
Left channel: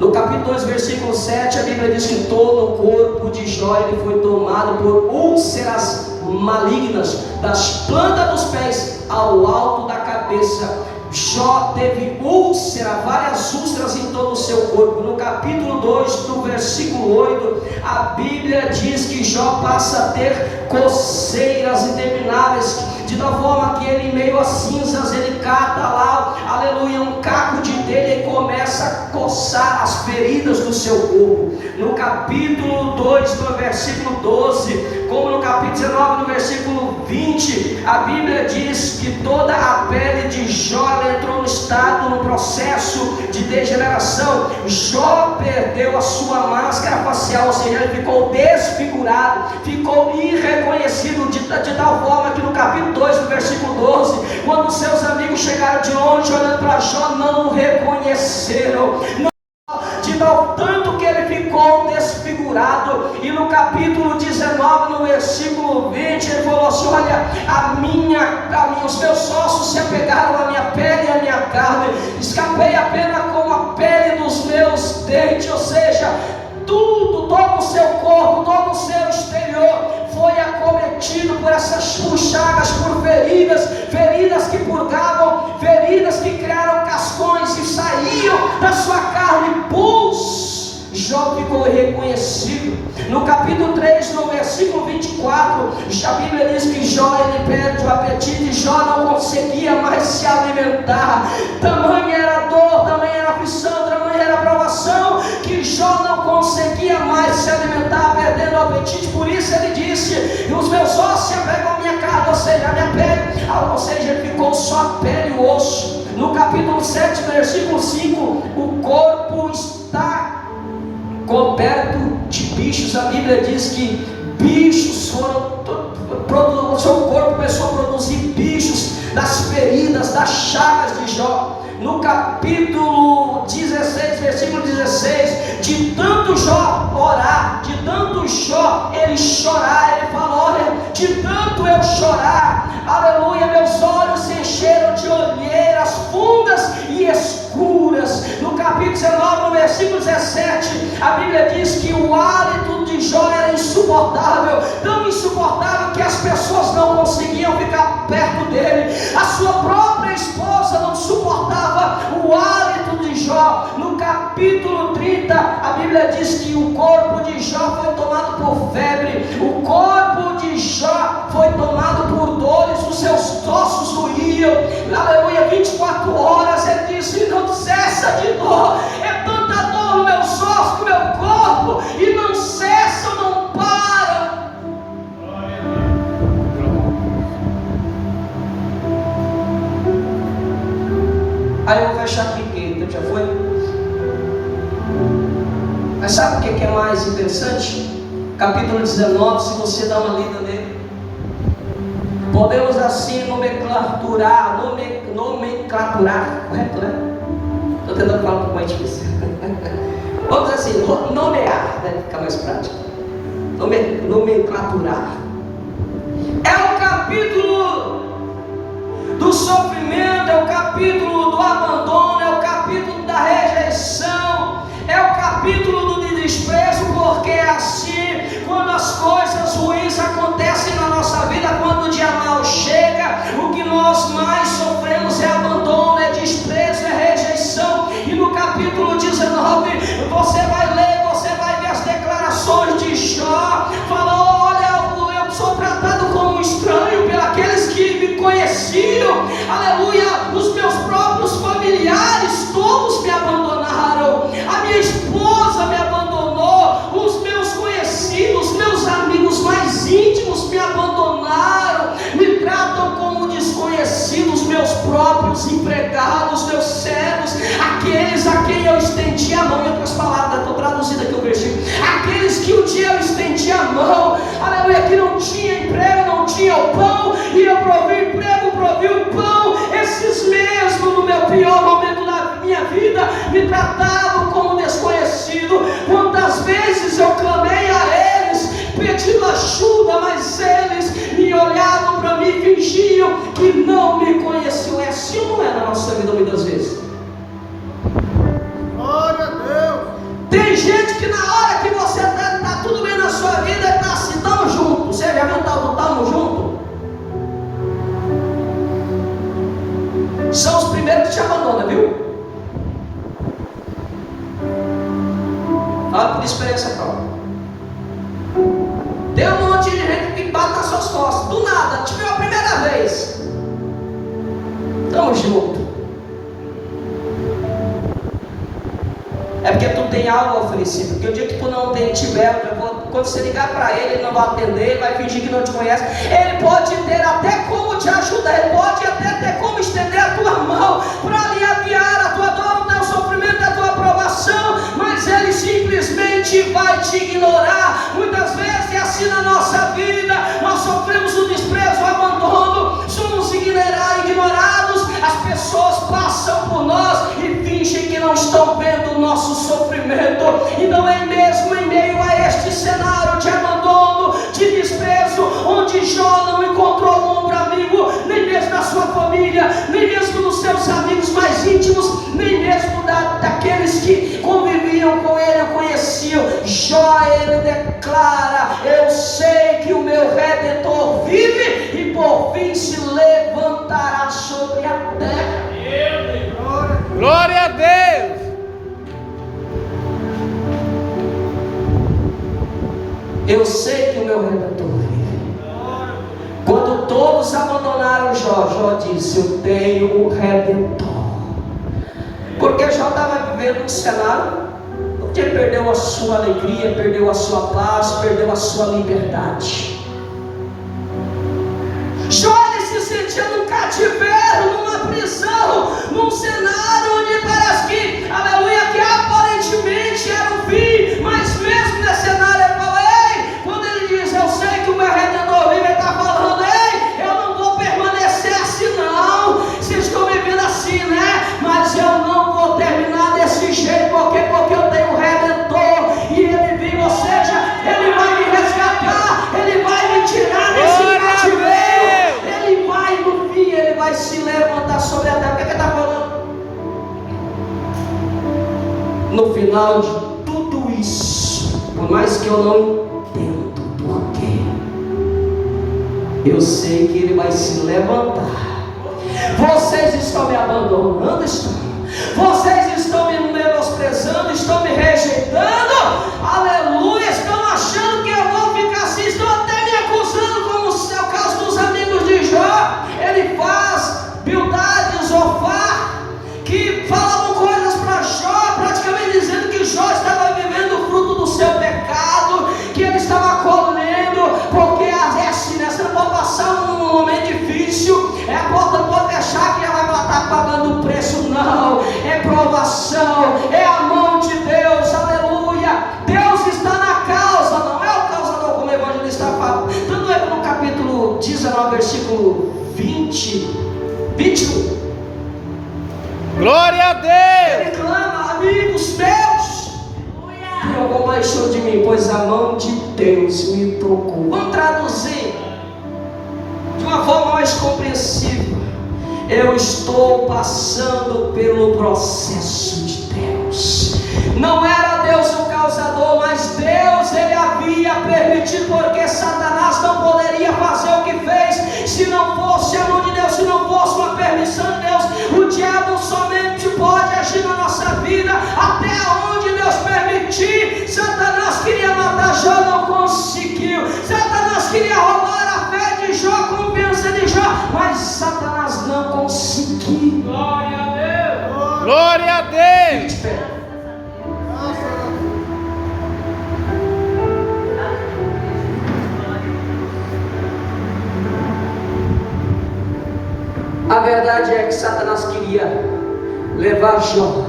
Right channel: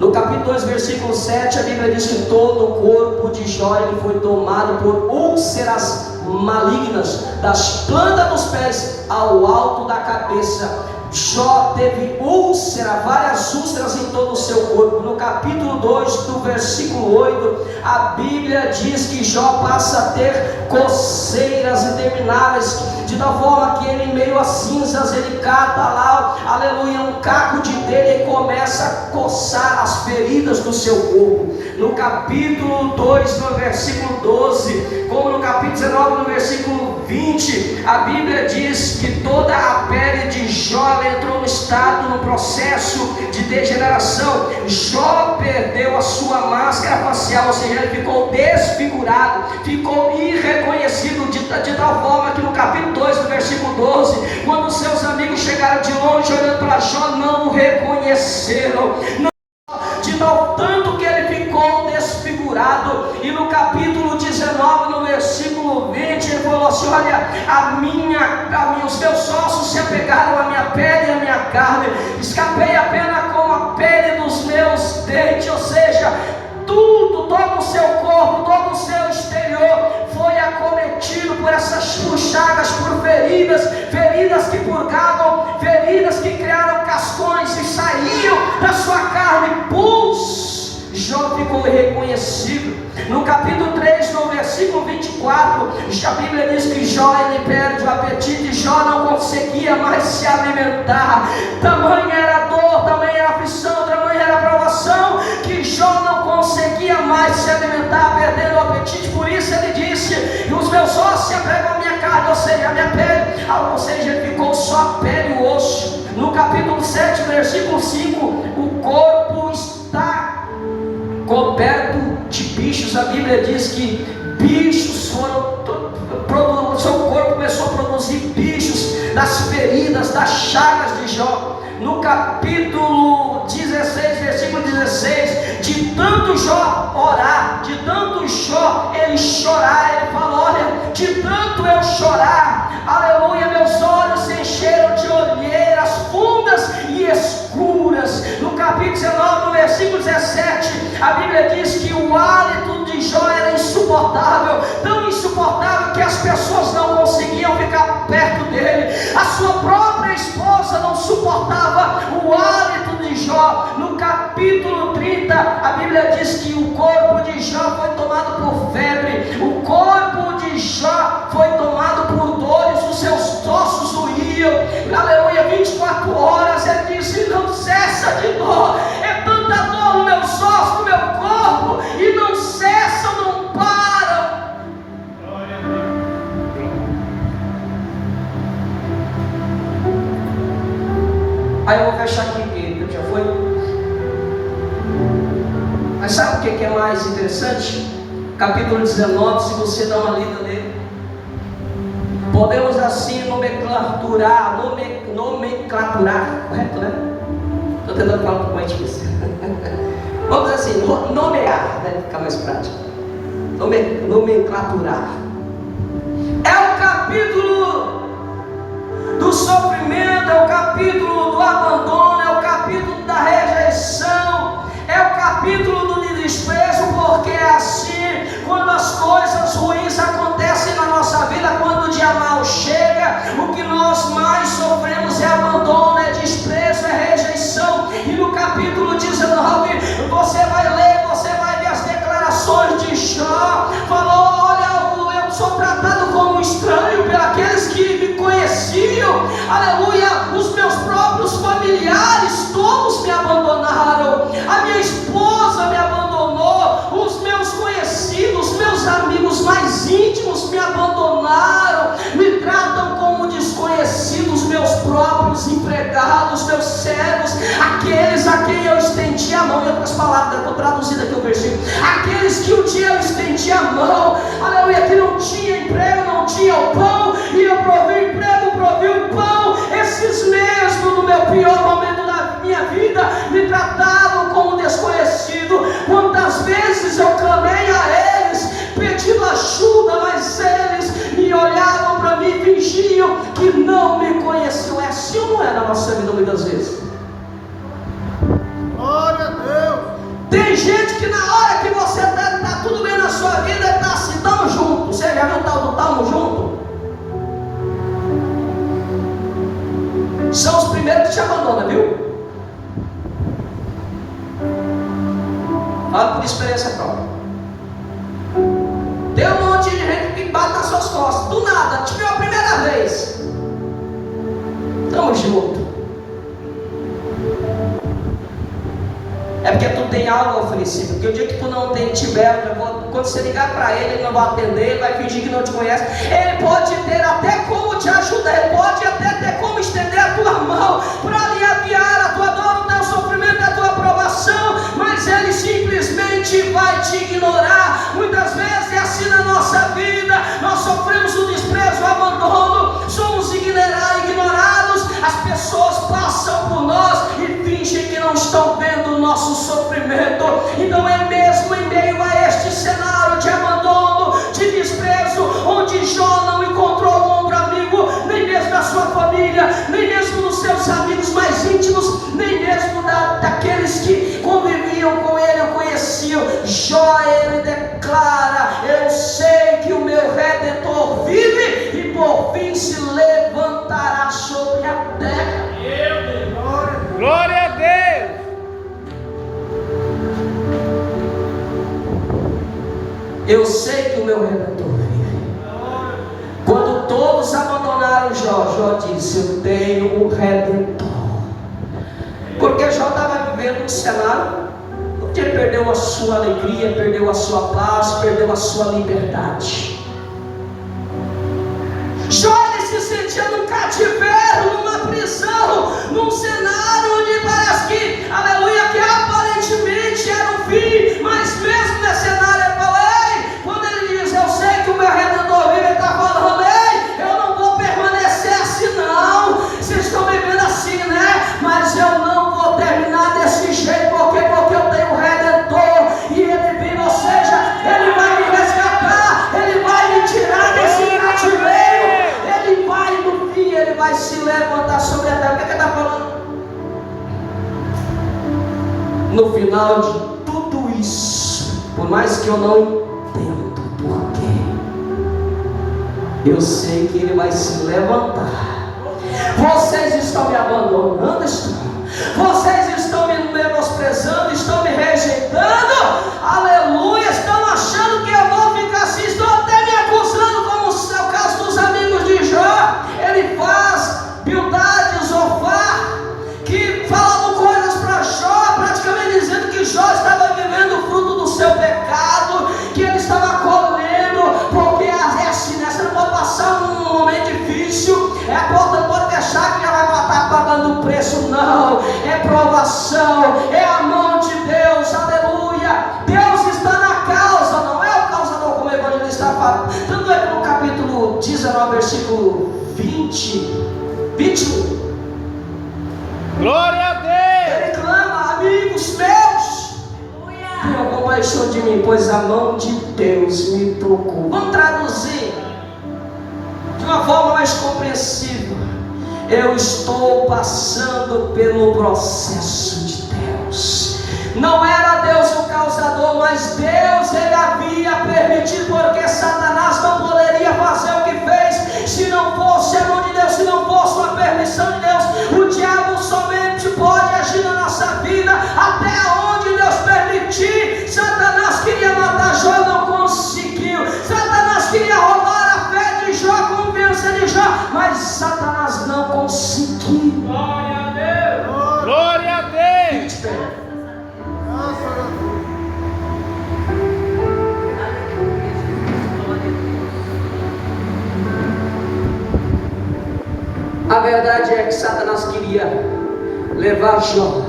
No capítulo 2, versículo 7, a Bíblia diz que todo o corpo de Jó ele foi tomado por úlceras malignas, das plantas dos pés ao alto da cabeça. Jó teve úlcera, várias úlceras em todo o seu corpo. No capítulo 2, no versículo 8, a Bíblia diz que Jó passa a ter coceiras intermináveis, de tal forma que ele, em meio a cinzas, ele cata lá, aleluia, um caco de telha e começa a coçar as feridas do seu corpo. No capítulo 2, no versículo 12, como no capítulo 19, no versículo 20, a Bíblia diz que toda a pele de Jó entrou no estado, no processo de degeneração. Jó perdeu a sua máscara facial, ou seja, ele ficou desfigurado, ficou irreconhecido, de tal forma que no capítulo 2, no versículo 12, quando seus amigos chegaram de longe olhando para Jó, não o reconheceram, de tal tanto que ele ficou desfigurado. E no capítulo 19, no versículo 20, ele falou assim: olha, os meus ossos se apegaram à minha pele e à minha carne, escapei apenas com a pele dos meus dentes. Ou seja, tudo, todo o seu corpo, todo o seu exterior foi acometido por essas chagas, por feridas que purgavam, feridas que criaram cascões e saíam da sua carne, pus. Jó ficou irreconhecível. No capítulo 3, no versículo 24, a Bíblia diz que Jó ele perde o apetite. Jó não conseguia mais se alimentar. Tamanha era a dor, tamanha era a aflição, tamanha era a provação, que Jó não conseguia mais se alimentar, perdendo o apetite. Por isso ele disse: os meus ossos se apegam à minha carne, ou seja, a minha pele, ou seja, ele ficou só pele e osso. No capítulo 7, versículo 5, o corpo está coberto de bichos. A Bíblia diz que bichos foram, seu corpo começou a produzir bichos das feridas, das chagas de Jó. No capítulo 16, versículo 16, de tanto Jó orar, de tanto Jó ele chorar, ele falou: olha, de tanto eu chorar, aleluia, meus olhos se encheram de olheiras fundas e escuras. No capítulo 19, no versículo 17, a Bíblia diz que o hálito de Jó era insuportável, tão insuportável que as pessoas não conseguiam ficar perto dele. A sua própria esposa não suportava o hálito de Jó. No capítulo 30, a Bíblia diz que o corpo de Jó foi tomado por febre, o corpo de Jó foi tomado por dores, os seus ossos doíam, aleluia, 24 horas. Ele disse: não cessa de dor, é tanta dor no meu ossos, no meu corpo, e não cessam, não param. Aí eu vou fechar aqui, porque o tempo já foi. Mas sabe o que é mais interessante? Capítulo 19, se você dá uma lida nele, podemos assim nomenclaturar, correto, né? Estou tentando falar um pouco mais difícil. Vamos assim, nomear, deve ficar mais prático. Nomenclaturar. É o capítulo do sofrimento, é o capítulo do abandono, é o capítulo da rejeição, é o capítulo do desprezo, porque é assim, quando as coisas ruins acontecem na nossa vida, quando o dia mau chega, o que nós mais sofremos é abandono, é desprezo, é rejeição. E no capítulo 19, você vai ler, você vai ver as declarações de Jó. Falou: olha, eu sou tratado como um estranho pelos que me conheciam, aleluia, os meus próprios familiares todos me abandonaram, a minha esposa me abandonou, os meus conhecidos, meus amigos mais íntimos me abandonaram, me próprios empregados, meus servos, aqueles a quem eu estendi a mão. Em outras palavras, eu estou traduzindo aqui o versículo: aqueles que um dia eu estendi a mão, aleluia, que não tinha emprego, não tinha o pão, e eu provi o emprego, provi o pão. Esses mesmos, no meu pior momento da minha vida, me tratavam como desconhecido. Quantas vezes eu clamei a eles pedindo ajuda, mas eles me olhavam para mim e fingiam que não me conheciam. É assim ou não é na nossa vida muitas vezes? Glória a Deus. Tem gente que na hora que você está tudo bem na sua vida, está assim, estamos juntos. Você já viu o tal do estamos juntos? São os primeiros que te abandonam, viu? Fala por experiência própria. Tem um monte de gente que bate nas suas costas, do nada, te viu a primeira vez. Tamo junto. É porque tu tem algo a oferecer. Porque o dia que tu não tiver, quando você ligar para ele, ele não vai atender, ele vai fingir que não te conhece. Ele pode ter até como te ajudar, ele pode até ter como estender a tua mão para aliviar a tua dor, o teu sofrimento, a tua provação, mas ele simplesmente vai te ignorar. Muitas vezes é assim na nossa vida. Nós sofremos o desprezo, o abandono, somos ignorados. As pessoas passam por nós e fingem que não estão vendo o nosso sofrimento. Então é mesmo em meio a este cenário de abandono, de desprezo, onde Jó não encontrou um ombro amigo, nem mesmo na sua família, nem mesmo nos seus amigos mais íntimos, nem mesmo daqueles que conviviam com ele ou conheciam. Jó, ele declara: eu sei que o meu Redentor vive e por fim se levantará sobre a terra. Glória a Deus. Eu sei que o meu Redentor vive. Quando todos abandonaram Jó, Jó disse: eu tenho um Redentor. Porque Jó estava vivendo um cenário onde ele perdeu a sua alegria, perdeu a sua paz, perdeu a sua liberdade. Jó, ele se sentia num cativeiro, numa prisão, num cenário onde parece que, aleluia, que aparentemente era o fim, mas mesmo nesse cenário ele falou: ei, quando ele diz eu sei que o meu Redentor vive, ele está falando: ei, eu não vou permanecer assim não. Vocês estão vivendo assim, né? Mas eu não vou terminar desse jeito, porque eu tenho um Redentor e ele vive, ou seja, ele vai me resgatar, ele vai me tirar desse cativeiro, ele vai no fim, ele vai se levantar sobre a terra. O que ele está falando? No final de tudo isso, por mais que eu não entenda porquê, eu sei que ele vai se levantar. Vocês estão me abandonando, vocês estão me menosprezando, estão me rejeitando, aleluia, estão achando que eu vou ficar assim, estão até me acusando, como é o caso dos amigos de Jó. Ele faz Bildade, Zofar, que falavam coisas para Jó, praticamente dizendo que Jó estava vivendo o fruto do seu pecado, que ele estava colhendo, porque é assim, né? Você não pode passar um momento difícil, a porta não pode deixar que já vai estar pagando o preço, não. É provação, é a mão de Deus, aleluia. Deus está na causa, não é o causador, como o evangelista fala. Tanto é que no capítulo 19, versículo 21, Glória a Deus. ele clama: amigos meus, tenham compaixão de mim, pois a mão de Deus me tocou. Vamos traduzir de uma forma mais compreensível: eu estou passando pelo processo de Deus. Não era Deus o causador, mas Deus ele havia permitido, porque Satanás não poderia fazer o que fez se não fosse a mão de Deus, se não fosse uma permissão de Deus. O diabo somente pode agir na nossa vida até onde Deus permitir. Satanás queria matar Jó, não conseguiu. Satanás queria roubar a fé de Jó, a confiança de Jó, mas Satanás não conseguiu. Glória a Deus. Glória a Deus. A verdade é que Satanás queria levar Jó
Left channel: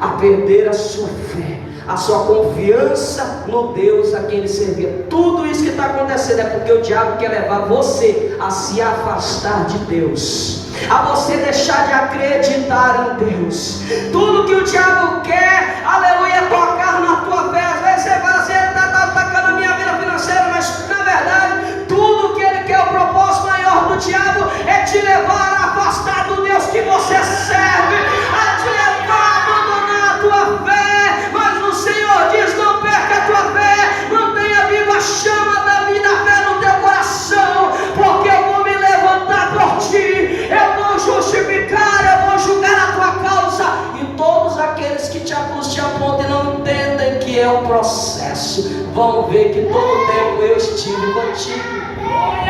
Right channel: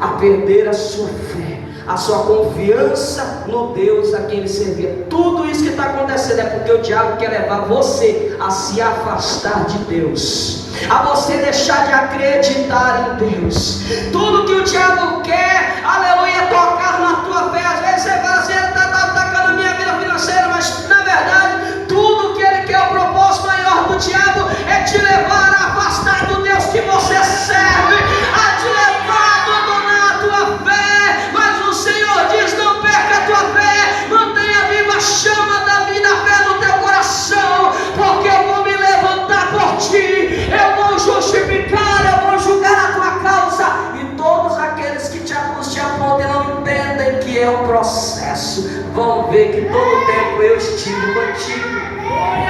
a perder a sua fé, a sua confiança no Deus a quem ele servia. Tudo isso que está acontecendo é porque o diabo quer levar você a se afastar de Deus, a você deixar de acreditar em Deus. Tudo que o diabo quer, aleluia, é tocar na tua fé. Às vezes você fala assim, está atacando a minha vida financeira, mas na verdade, tudo que ele quer, o propósito maior do diabo é te levar a afastar do Deus que você serve, a te levar a abandonar a tua fé. Mas o Senhor diz: não perca a tua fé, mantenha viva a chama da vida, a fé no teu coração, porque eu vou me levantar por ti, eu vou justificar, eu vou julgar a tua causa. E todos aqueles que te acusam, te apontam e não entendem que é o processo, vão ver que todo tempo eu estive contigo.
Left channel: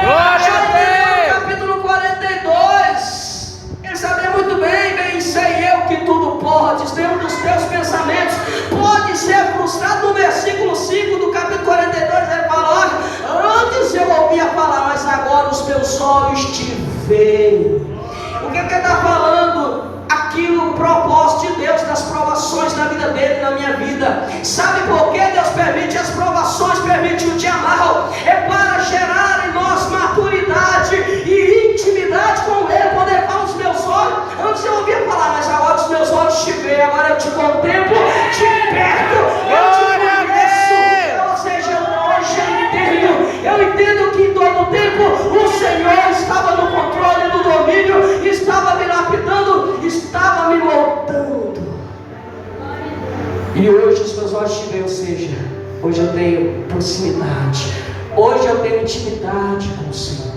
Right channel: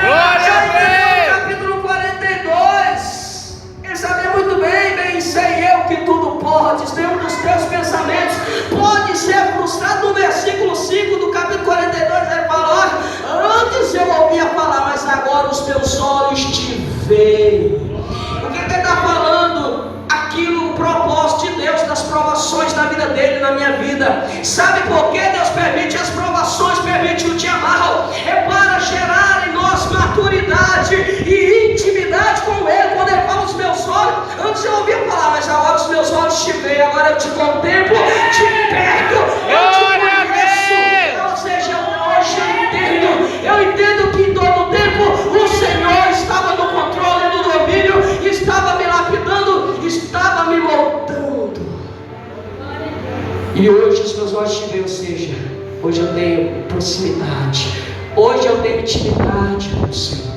Glória a Deus! Capítulo 42, ele sabia muito bem sei eu que tudo podes. Nenhum dos teus pensamentos pode ser frustrado. No versículo 5 do capítulo 42 ele fala: olha, antes eu ouvia falar, mas agora os meus olhos te veem. O que ele está falando? Aquilo, o propósito de Deus nas provações na vida dele, na minha vida. Sabe por que Deus permite as provações, permite o dia mal? É para gerar em nós maturidade e intimidade com Ele. Quando Ele fala os meus olhos, antes eu ouvia falar, mas agora os meus olhos te veem, agora eu te contemplo, te perto, eu te conheço. Ou seja, hoje eu entendo que em todo tempo o Senhor estava no controle, no domínio, estava me lapidando, estava me moldando. E hoje os meus olhos te veem, ou seja, hoje eu tenho proximidade, hoje eu tenho intimidade com o Senhor.